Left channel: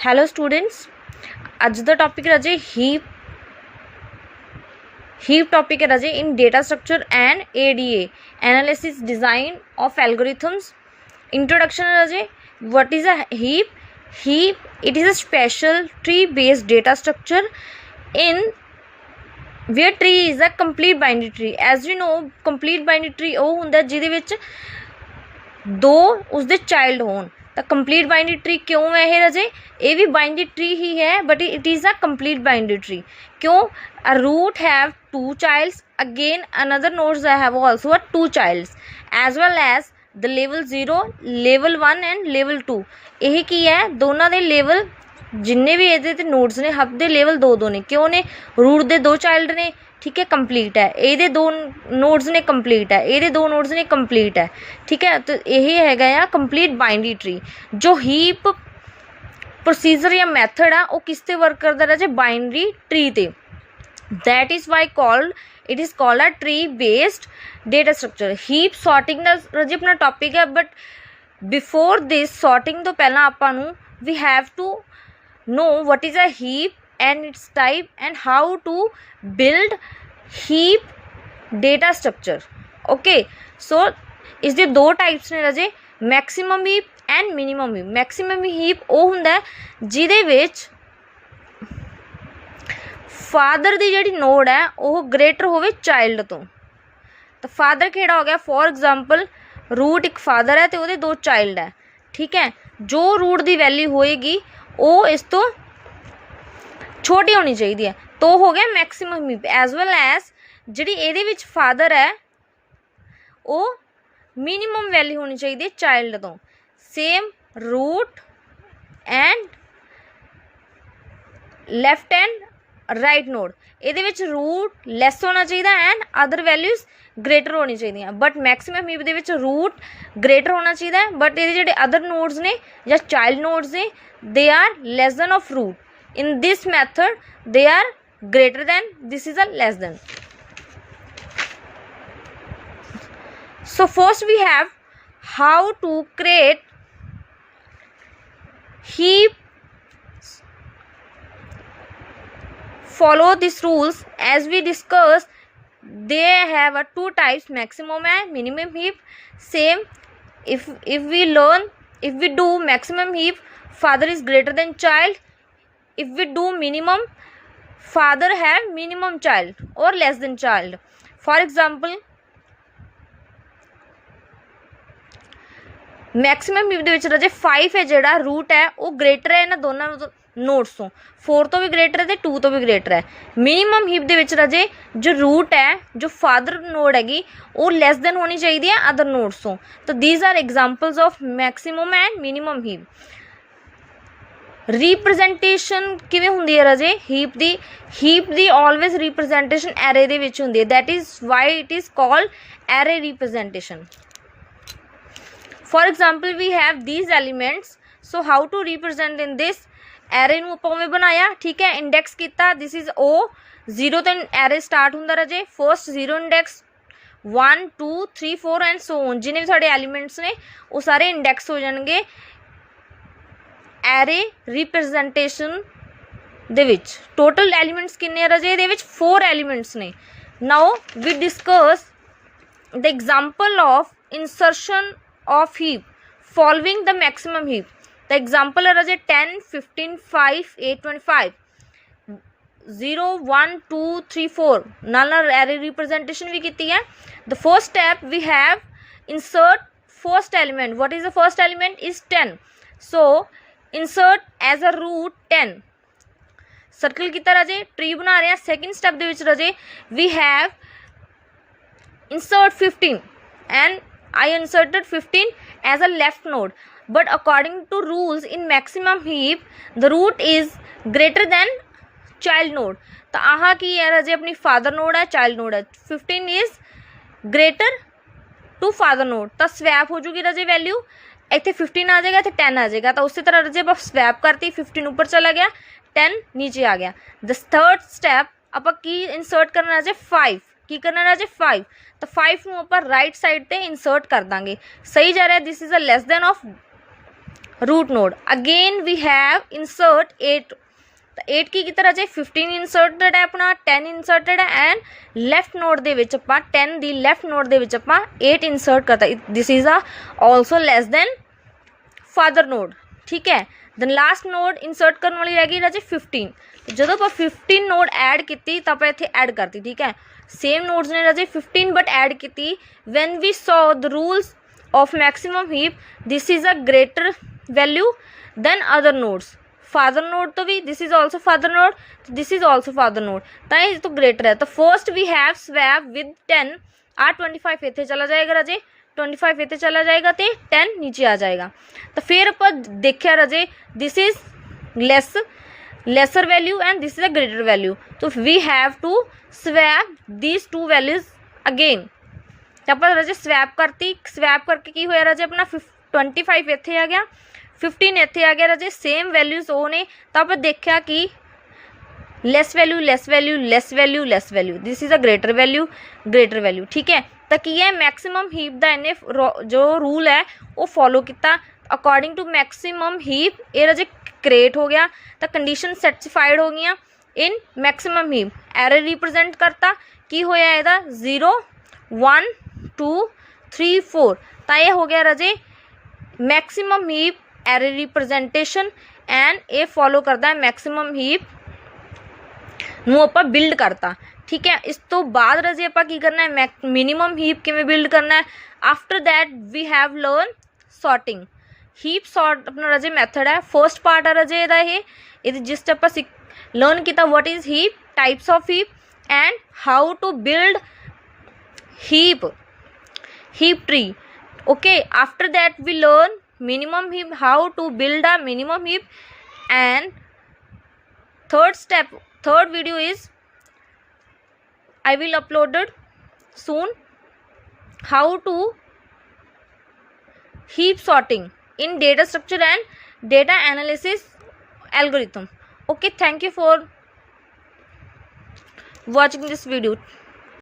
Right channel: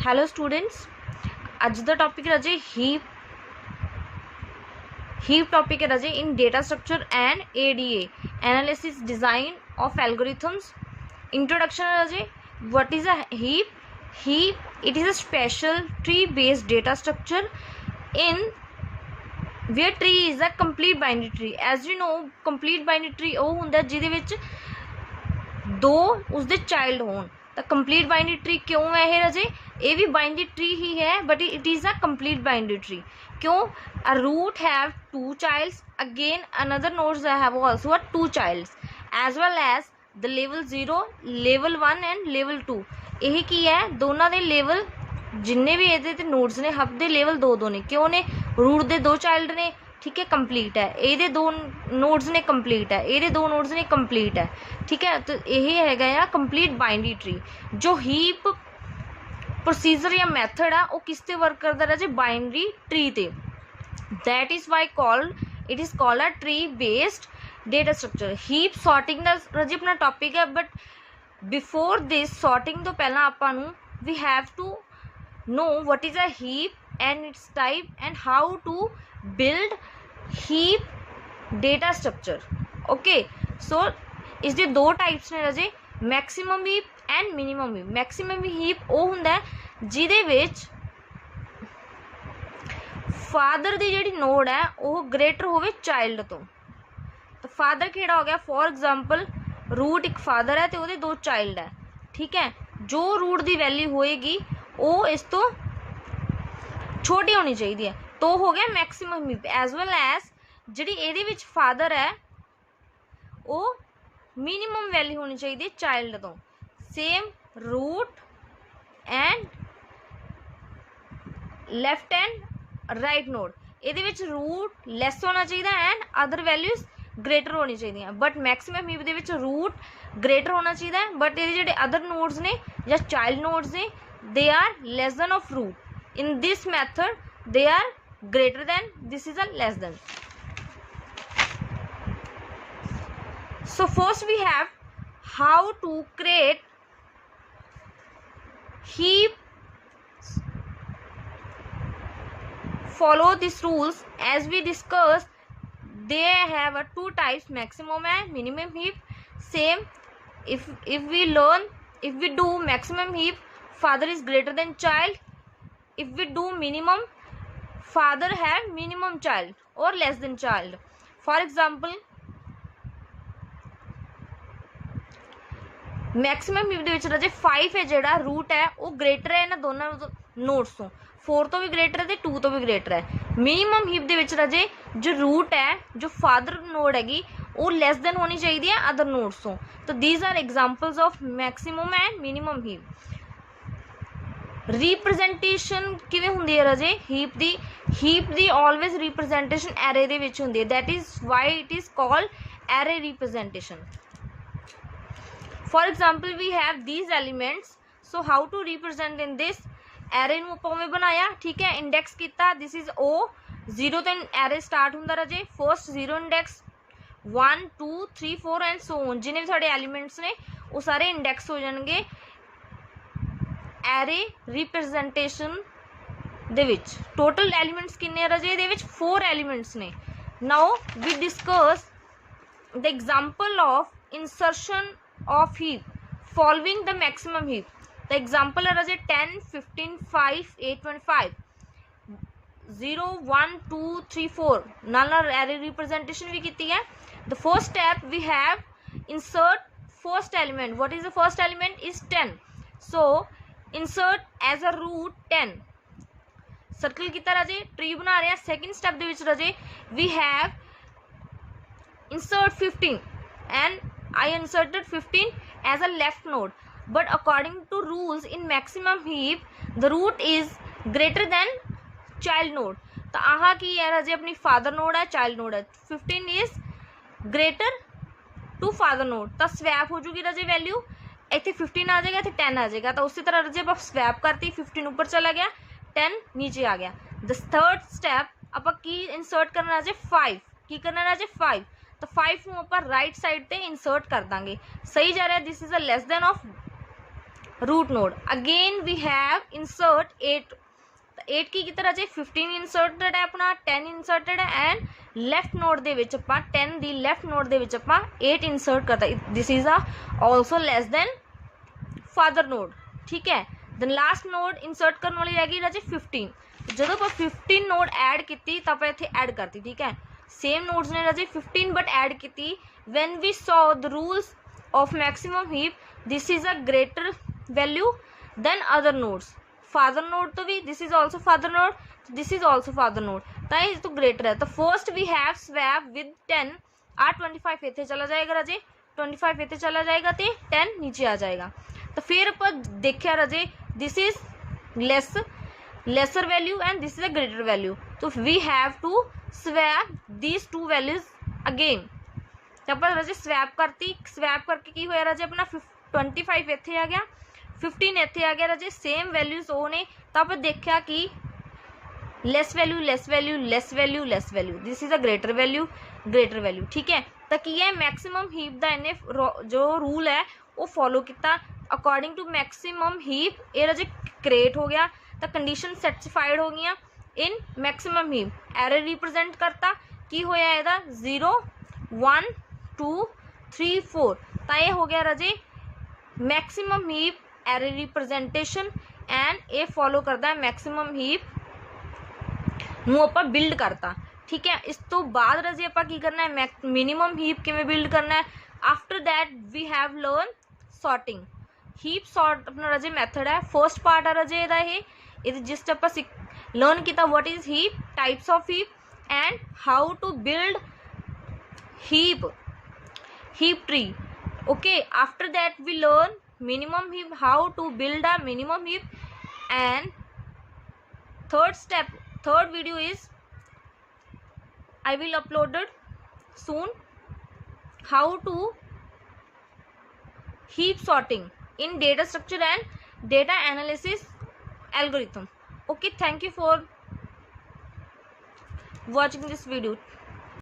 Hello students, अज दा topic राजे heap topic है राजे in data structure and ADA analysis design of algorithms. Introduction है राजे, what is a heap it is a special tree based data structure in where tree is a complete binary tree। as we know complete binary tree ਉਹ ਹੁੰਦਾ ਜਿਹਦੇ ਵਿੱਚ ਦੋ ਉਸਦੇ child ਹੋਣ। ਤਾਂ ਕੰਪਲੀਟ ਬਾਈਨਰੀ ਟਰੀ ਕਿਉਂ ਹੈ ਇਹ ਰਾਜੇ? ਇਹ ਵੀ ਬਾਈਨਰੀ ਟਰੀ ਹੀ ਹੈ but it is a complete binary tree. ਕਿਉਂ? A root have two childs, again another nodes have also a two childs as well as the level 0, level 1 and level 2। ਇਹ ਕੀ ਹੈ? ਦੋਨਾਂ ਦੇ ਲੈਵਲ जिन्ने भी ये नोड्स ने हब दे level दो ने। क्यों ने? रूट दे दो चाइल्ड ने, ठीक है, कंप्लीट है। ये दो नोड्स ने कंप्लीट है, ये दो नोड्स ने कंप्लीट है, ठीक है। तो यह है कंप्लीट बाइनरी ट्री। जो हीप प्रोसीजर या मैथड आ वो किस ते वर्क करता है? बाइनरी ट्री ते। That is why called it is called a tree based data structure. Heap sorting का राजे अपना टॉपिक है, बट बिफोर दिस सॉर्टिंग तो पहला आपां नूं we have to know what is a heap and its type and how to build heap data structure। okay, so इसके दो types ने राजे, maximum heap and minimum heap. Maximum heap वो हुंदा है जिहदे विच फादर दी जिहड़ी नोड है वो ग्रेटर होवे चाइल्ड तो। तो फादर किहड़ा हो गया? फॉर एग्जाम्पल रूट एक फादर है तो वो दो चाइल्ड है, ठीक है। जो रूट की वैल्यू होएगी वो इस तो छोटी होनी चाहिए है, तो हो गया maximum heap. As well as जिहड़ी इहदे विच फादर है वो मिनिमम वैल्यू होनी चाहिए चाइल्ड तो। Same root and left and right node, इहदे विच रूट लैस होना चाहिए एंड अदर वैल्यूज ग्रेटर होनी चाहिए। बट मैक्सिमम हीप दे विच रूट ग्रेटर होना चाहिए बट ये जिहड़े अदर नोड्स ने या चाइल्ड नोड्स ने they are less than of root। in this method they are greater than, this is a less than। so first we have how to create heap। follow these rules as we discussed, they have a two types, maximum and minimum heap। same if we do maximum heap, father is greater than child। if we do minimum, father have minimum child or less than child। for example maximum heap दे विच राजे 5 है जिहड़ा root है वो greater है इन्हां दोनों नोड्स तो। 4 तो भी ग्रेटर है तो 2 तो भी ग्रेटर है। मिनिमम हीप दे विच राजे जो रूट है, जो फादर नोड हैगी वो लैस देन होनी चाहिए है अदर नोड्स तो। तो these are examples of maximum and minimum heap. Representation किवें हुंदी है राजे? हीप दी ऑलवेज रिप्रजेंटेशन एरे दे विच हुंदी है। That is why it is called array representation. For example we have these elements, so how to represent in this array नूं आपां उवें बनाया, ठीक है। इंडेक्स किया, दिस इज ओ 0 तो एरे स्टार्ट हुंदा राजे। First 0 index 1 2 3 4 and so on, जिन्हें भी साडे एलिमेंट्स ने वो सारे इंडेक्स हो जाएंगे एरे रिप्रजेंटेशन दे विच। टोटल एलिमेंट्स किन्ने राजे? इहदे विच 4 एलिमेंट्स ने। Now we discuss the example of insertion of heap following the maximum heap. The example है राजे 10 15 5 8 25 0 1 2 3 4 नाल एरे रिप्रजेंटेशन भी की है। The first step we have insert first element. What is the first element? Is 10। So insert as a root 10। Circle किया राजे, tree बना रहे हैं। सैकेंड स्टेप दे विच राजे we have insert 15 and I inserted 15 as a left node. But according to rules in maximum heap the root is greater than child node. तो आह की है राजे? अपनी फादर नोड है, चाइल्ड नोड है। 15 is greater to father node, तो swap हो जूगी राजे वैल्यू। इतने 15 आ जाएगा, इतने 10 आ जाएगा। तो उसी तरह राजे आप स्वैप करती, 15 ऊपर चला गया, 10 नीचे आ गया। द थर्ड स्टैप आप की इंसर्ट करना राजे 5। की करना राजे 5। तो 5 नूं आपां राइट साइड ते इंसर्ट कर देंगे। सही जा रहा है। This is a less than of root node again we have insert 8 तो 8 की तरह जे 15 इंसर्टेड है अपना 10 इंसर्टेड है एंड लैफ्ट नोड दे विच आपां 10 दी लैफ्ट नोड दे विच आपां 8 इंसर्ट करता this is ah also less than father node ठीक है। दैन लास्ट नोड इंसर्ट करने वाली रह गई राजे 15 जो आप 15 नोड ऐड की तो आप इतने ऐड करती ठीक है सेम नोड्स ने राजे 15 बट ऐड की when we saw the rules of maximum heap this is a greater value than other nodes father node तो भी this is also father node this is also father node तो greater है तो first we have swap with 10 ah 25 इतने चला जाएगा राजे 25 इतने चला जाएगा तो 10 नीचे आ जाएगा तो फिर आप देखा राजे this is lesser value and this is a greater value तो we have to swap these two values again तो आप राजे स्वैप करती स्वैप करके की होया राजे अपना 25 इतने आ गया 15 इतने आ गया राजे सेम वैल्यूज वो ने तो आप देखा कि less value less value less value less value this is a greater value ठीक है तो की है मैक्सिमम हीप का इन्हें जो रूल है वो फॉलो किया अकॉर्डिंग टू मैक्सिमम हीप ये राजे क्रिएट हो गया तो कंडीशन सैटिस्फाइड हो गई इन मैक्सिमम हीप एरर रिप्रजेंट करता की होया ਇਹਦਾ 0 1 2 3 4 तो ये हो गया राजे maximum heap array representation and ये फॉलो करता है मैक्सिमम हीप ਨੂੰ ਆਪਾਂ ਬਿਲਡ ਕਰਤਾ ठीक है। इस तो बाद राजे आप की करना है मिनिमम हीप किवें बिल्ड करना है after that we have learn sorting heap sort अपना राजे मैथड है फर्स्ट पार्ट है राजे ये जिस आप लर्न किया what is heap types of heap and how to build heap tree okay after that we learn minimum heap how to build a minimum heap and third video is I will upload it soon how to heap sorting in data structure and data analysis algorithm. Okay, thank you for watching this video.